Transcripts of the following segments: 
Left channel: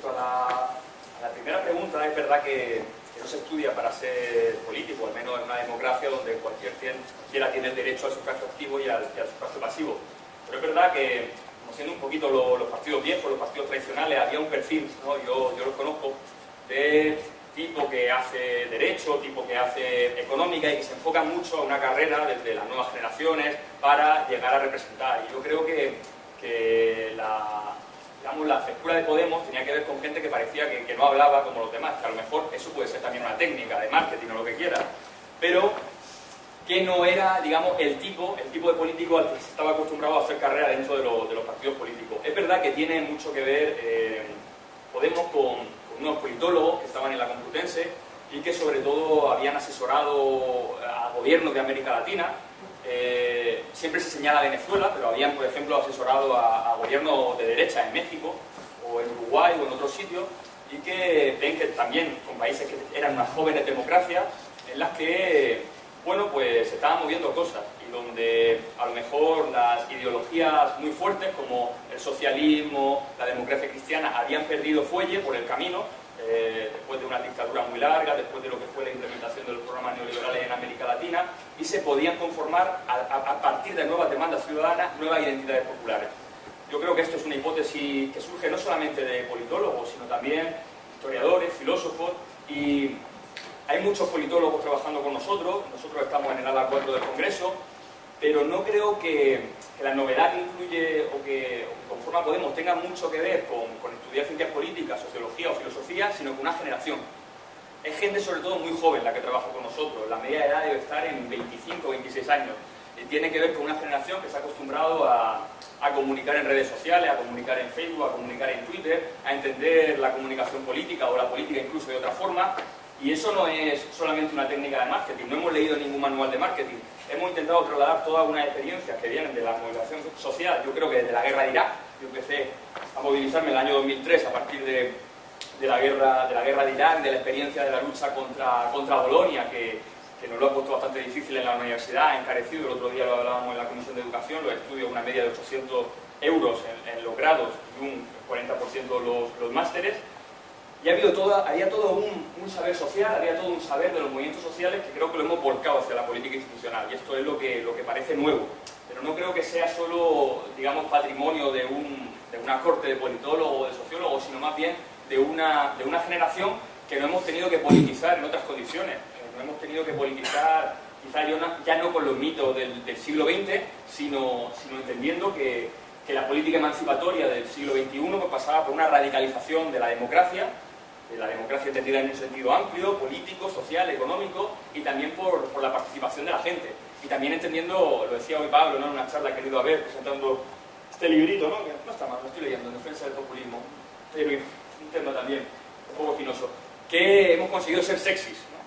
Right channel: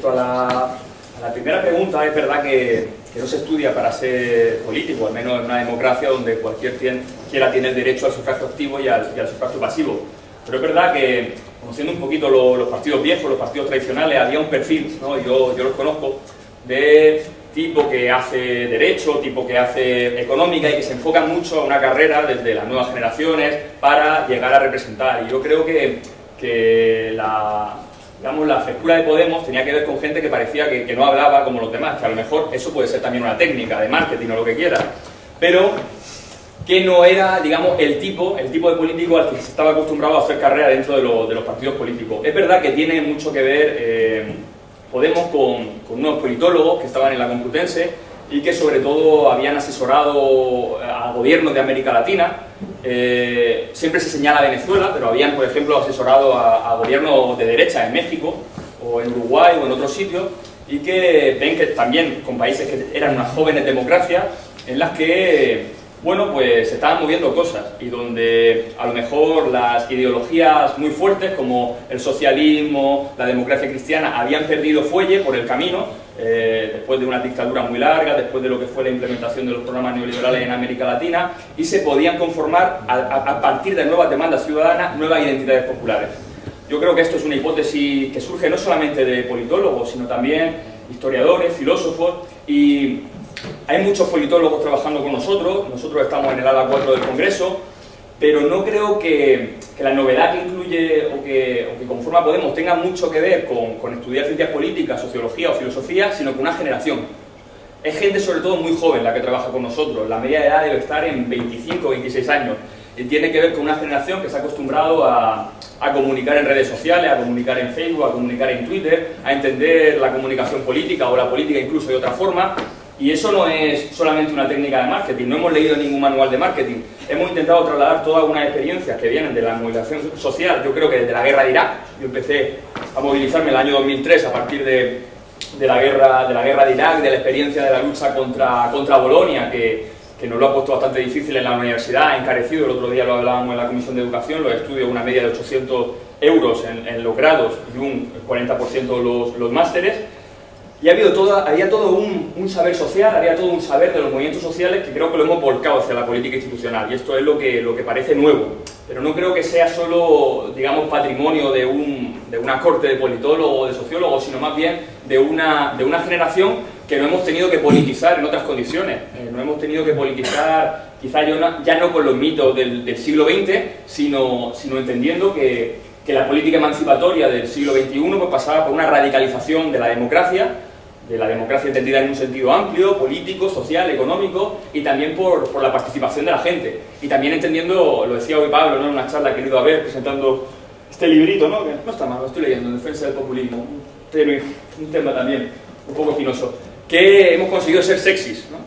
respecto a la primera pregunta, es verdad que no se estudia para ser político, al menos en una democracia donde cualquiera tiene el derecho al sufragio activo y al sufragio pasivo. Pero es verdad que, conociendo un poquito los partidos viejos, los partidos tradicionales, había un perfil, ¿no? Yo los conozco, de tipo que hace derecho, tipo que hace económica y que se enfoca mucho a una carrera desde las nuevas generaciones para llegar a representar. Y yo creo que la frescura de Podemos tenía que ver con gente que parecía que no hablaba como los demás, que a lo mejor eso puede ser también una técnica de marketing o lo que quiera, pero que no era, digamos, el tipo de político al que se estaba acostumbrado a hacer carrera dentro de los partidos políticos. Es verdad que tiene mucho que ver Podemos con unos politólogos que estaban en la Complutense y que sobre todo habían asesorado a gobiernos de América Latina. Siempre se señala Venezuela, pero habían, por ejemplo, asesorado a gobiernos de derecha en México o en Uruguay o en otros sitios, y que ven que también con países que eran unas jóvenes democracias en las que, bueno, pues se estaban moviendo cosas y donde a lo mejor las ideologías muy fuertes como el socialismo, la democracia cristiana habían perdido fuelle por el camino, después de una dictadura muy larga, después de lo que fue la implementación de los programas neoliberales en América Latina, y se podían conformar a partir de nuevas demandas ciudadanas, nuevas identidades populares. Yo creo que esto es una hipótesis que surge no solamente de politólogos, sino también historiadores, filósofos, y hay muchos politólogos trabajando con nosotros estamos en el ala 4 del Congreso, pero no creo que la novedad que incluye o que conforma Podemos tenga mucho que ver con estudiar ciencias políticas, sociología o filosofía, sino con una generación. Es gente sobre todo muy joven la que trabaja con nosotros, la media de edad debe estar en 25 o 26 años, y tiene que ver con una generación que se ha acostumbrado a comunicar en redes sociales, a comunicar en Facebook, a comunicar en Twitter, a entender la comunicación política o la política incluso de otra forma. Y eso no es solamente una técnica de marketing, no hemos leído ningún manual de marketing. Hemos intentado trasladar todas unas experiencias que vienen de la movilización social, yo creo que desde la guerra de Irak. Yo empecé a movilizarme en el año 2003 a partir de la guerra de Irak, de la experiencia de la lucha contra Bolonia, que nos lo ha puesto bastante difícil en la universidad, ha encarecido. El otro día lo hablábamos en la Comisión de Educación, los estudios, una media de 800 euros en los grados y un 40% los másteres. Y había todo un saber social, había todo un saber de los movimientos sociales que creo que lo hemos volcado hacia la política institucional, y esto es lo que parece nuevo. Pero no creo que sea solo, digamos, patrimonio de una corte de politólogos o de sociólogos, sino más bien de una generación que no hemos tenido que politizar en otras condiciones. No hemos tenido que politizar, quizá ya no con los mitos del siglo XX, sino entendiendo que la política emancipatoria del siglo XXI pues pasaba por una radicalización de la democracia entendida en un sentido amplio, político, social, económico, y también por la participación de la gente. Y también entendiendo, lo decía hoy Pablo, ¿no?, en una charla que he ido a ver presentando este librito, ¿no?, que no está mal, lo estoy leyendo, en defensa del populismo, un tema también un poco espinoso, que hemos conseguido ser sexys, ¿no?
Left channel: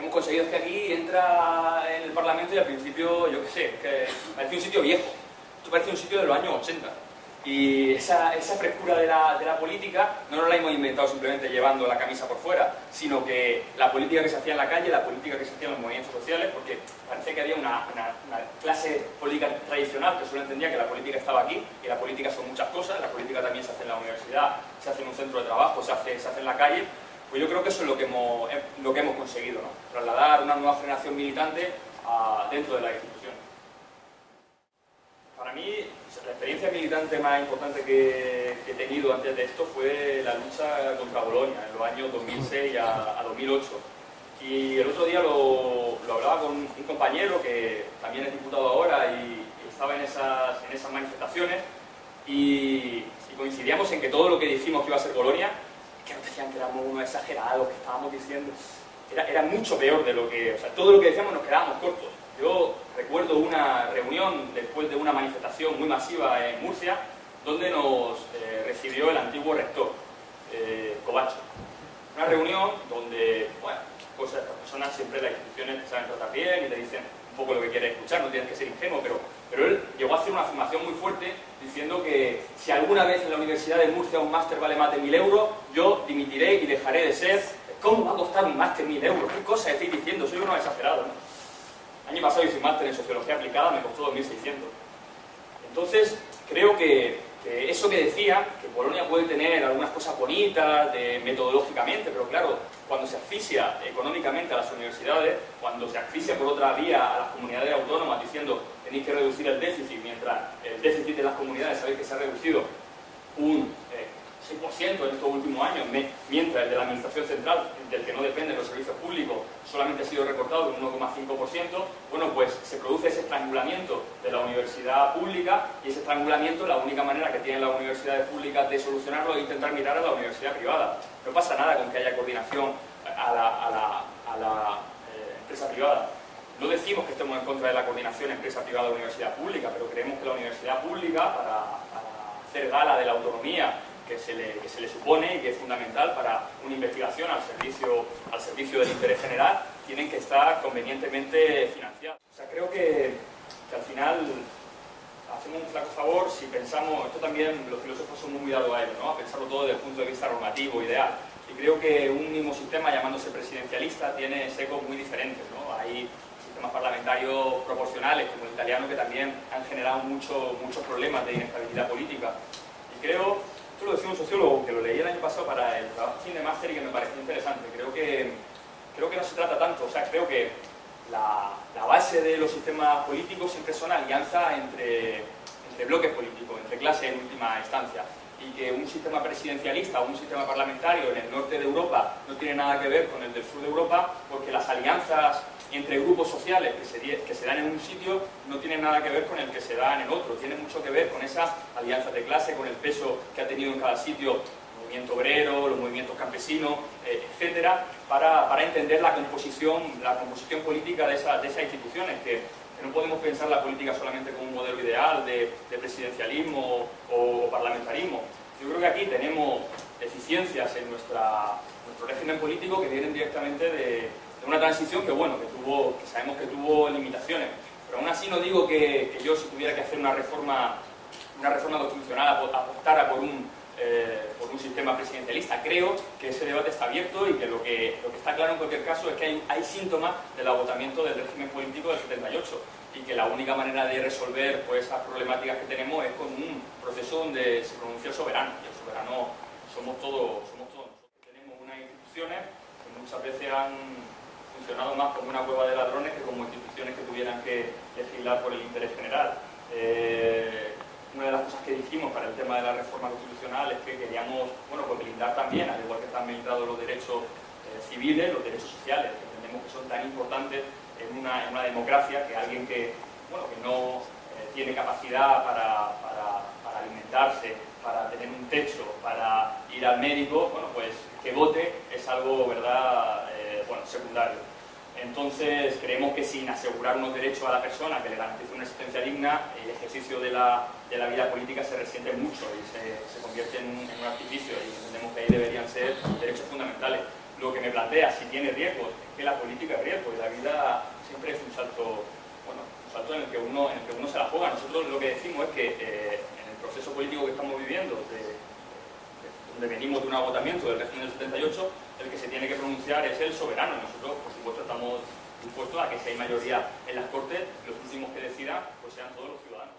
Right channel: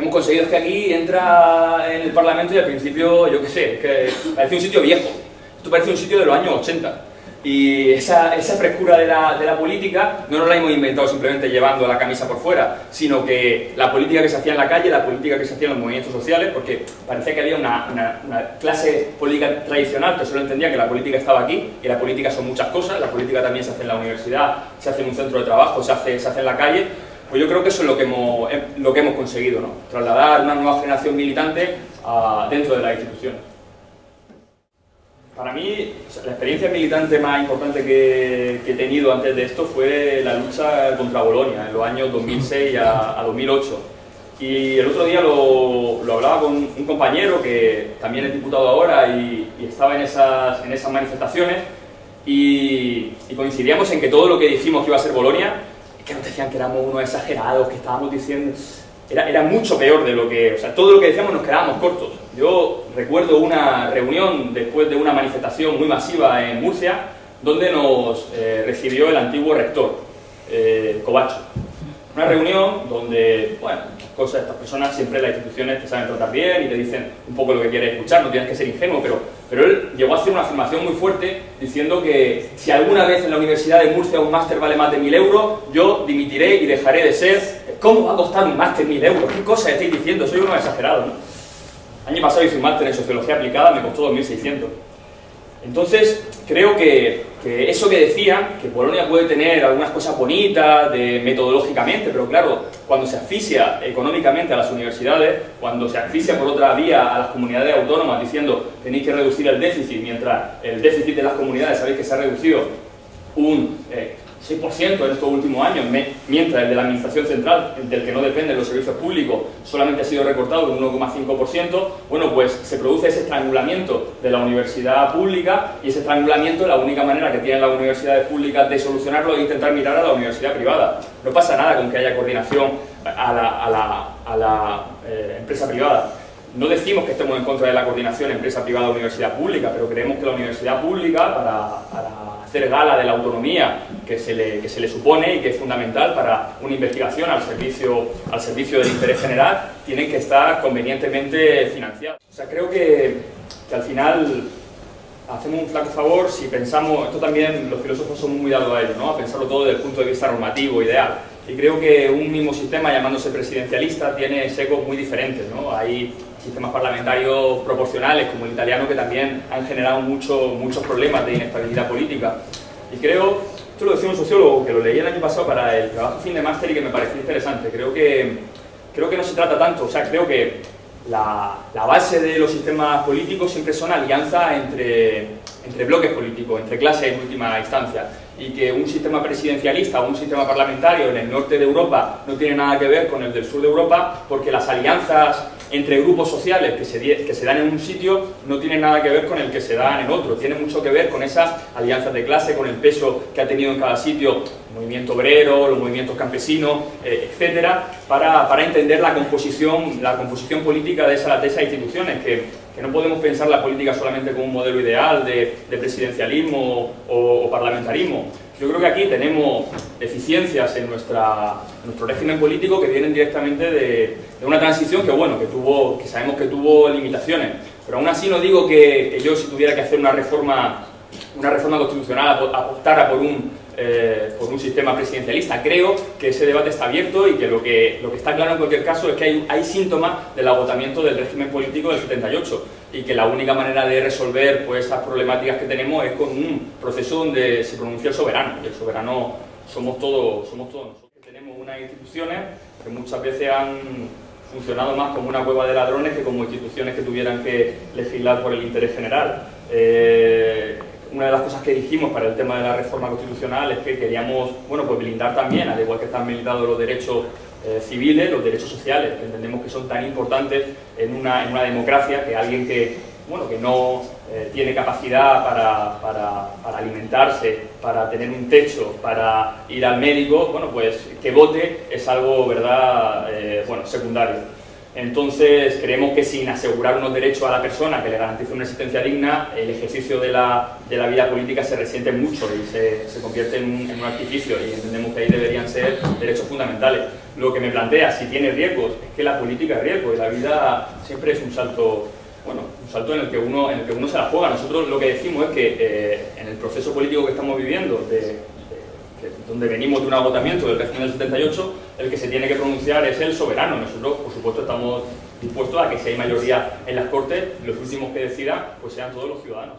Hemos conseguido que aquí entra en el Parlamento y al principio, yo qué sé, que parece un sitio viejo. Esto parece un sitio de los años 80. Y esa frescura de la política no nos la hemos inventado simplemente llevando la camisa por fuera, sino que la política que se hacía en la calle, la política que se hacía en los movimientos sociales, porque parecía que había una clase política tradicional que solo entendía que la política estaba aquí, y la política son muchas cosas, la política también se hace en la universidad, se hace en un centro de trabajo, se hace en la calle. Pues yo creo que eso es lo que hemos conseguido, ¿no?, trasladar una nueva generación militante dentro de las instituciones. Para mí, la experiencia militante más importante que he tenido antes de esto fue la lucha contra Bolonia, en los años 2006 a 2008. Y el otro día lo hablaba con un compañero que también es diputado ahora y estaba en esas manifestaciones, y coincidíamos en que todo lo que dijimos que iba a ser Bolonia, que nos decían que éramos unos exagerados, que estábamos diciendo... Era mucho peor de lo que... O sea, todo lo que decíamos nos quedábamos cortos. Yo recuerdo una reunión después de una manifestación muy masiva en Murcia, donde nos recibió el antiguo rector, Covacho. Una reunión donde, bueno, estas personas siempre en las instituciones te saben tratar bien y te dicen un poco lo que quieres escuchar, no tienes que ser ingenuo, pero él llegó a hacer una afirmación muy fuerte diciendo que si alguna vez en la Universidad de Murcia un máster vale más de 1.000 euros, yo dimitiré y dejaré de ser... ¿Cómo va a costar un máster 1.000 euros? ¿Qué cosa estáis diciendo? Soy uno exagerado, ¿no? Año pasado hice un máster en Sociología Aplicada, me costó 2.600. Entonces, creo que eso que decía, que Polonia puede tener algunas cosas bonitas metodológicamente, pero claro, cuando se asfixia económicamente a las universidades, cuando se asfixia por otra vía a las comunidades autónomas diciendo tenéis que reducir el déficit, mientras el déficit de las comunidades sabéis que se ha reducido un 6% en estos últimos años, mientras el de la Administración Central, del que no dependen los servicios públicos, solamente ha sido recortado un 1,5%, bueno, pues se produce ese estrangulamiento de la universidad pública, y ese estrangulamiento, la única manera que tienen las universidades públicas de solucionarlo es intentar mirar a la universidad privada. No pasa nada con que haya coordinación a la empresa privada. No decimos que estemos en contra de la coordinación empresa privada-universidad pública, pero creemos que la universidad pública, para hacer gala de la autonomía que se le supone y que es fundamental para una investigación al servicio del interés general, tienen que estar convenientemente financiadas. O sea, creo que al final hacemos un flaco favor si pensamos, esto también los filósofos son muy dados a ello, ¿no? A pensarlo todo desde el punto de vista normativo, ideal. Y creo que un mismo sistema, llamándose presidencialista, tiene secos muy diferentes, ¿no? Hay sistemas parlamentarios proporcionales, como el italiano, que también han generado muchos problemas de inestabilidad política. Y creo, esto lo decía un sociólogo que lo leí el año pasado para el trabajo fin de máster y que me pareció interesante. Creo que no se trata tanto, o sea, creo que la base de los sistemas políticos siempre son alianzas entre bloques políticos, entre clases en última instancia, y que un sistema presidencialista o un sistema parlamentario en el norte de Europa no tiene nada que ver con el del sur de Europa, porque las alianzas entre grupos sociales que se dan en un sitio no tienen nada que ver con el que se dan en otro, tiene mucho que ver con esas alianzas de clase, con el peso que ha tenido en cada sitio el movimiento obrero, los movimientos campesinos, etcétera, para entender la composición política de esas instituciones, que no podemos pensar la política solamente como un modelo ideal de presidencialismo o parlamentarismo. Yo creo que aquí tenemos deficiencias en nuestro régimen político que vienen directamente de una transición que sabemos que tuvo limitaciones. Pero aún así no digo que yo, si tuviera que hacer una reforma constitucional, apostara por un sistema presidencialista. Creo que ese debate está abierto y que lo que está claro en cualquier caso es que hay síntomas del agotamiento del régimen político del 78 y que la única manera de resolver pues esas problemáticas que tenemos es con un proceso donde se pronuncia el soberano, y el soberano somos todos nosotros. Tenemos unas instituciones que muchas veces han funcionado más como una cueva de ladrones que como instituciones que tuvieran que legislar por el interés general. Una de las cosas que dijimos para el tema de la reforma constitucional es que queríamos, pues blindar también, al igual que están blindados los derechos civiles, los derechos sociales, que entendemos que son tan importantes en una democracia, que alguien que no tiene capacidad para alimentarse, para tener un techo, para ir al médico, pues que vote es algo, ¿verdad?, secundario. Entonces, creemos que sin asegurar unos derechos a la persona que le garantice una existencia digna, el ejercicio de la vida política se resiente mucho y se convierte en un artificio, y entendemos que ahí deberían ser derechos fundamentales. Lo que me plantea, si tiene riesgos, es que la política es riesgo y la vida siempre es un salto en el que uno se la juega. Nosotros lo que decimos es que en el proceso político que estamos viviendo, donde venimos de un agotamiento del régimen del 78, el que se tiene que pronunciar es el soberano. Nosotros, por supuesto, estamos dispuestos a que si hay mayoría en las Cortes, los últimos que decidan pues sean todos los ciudadanos.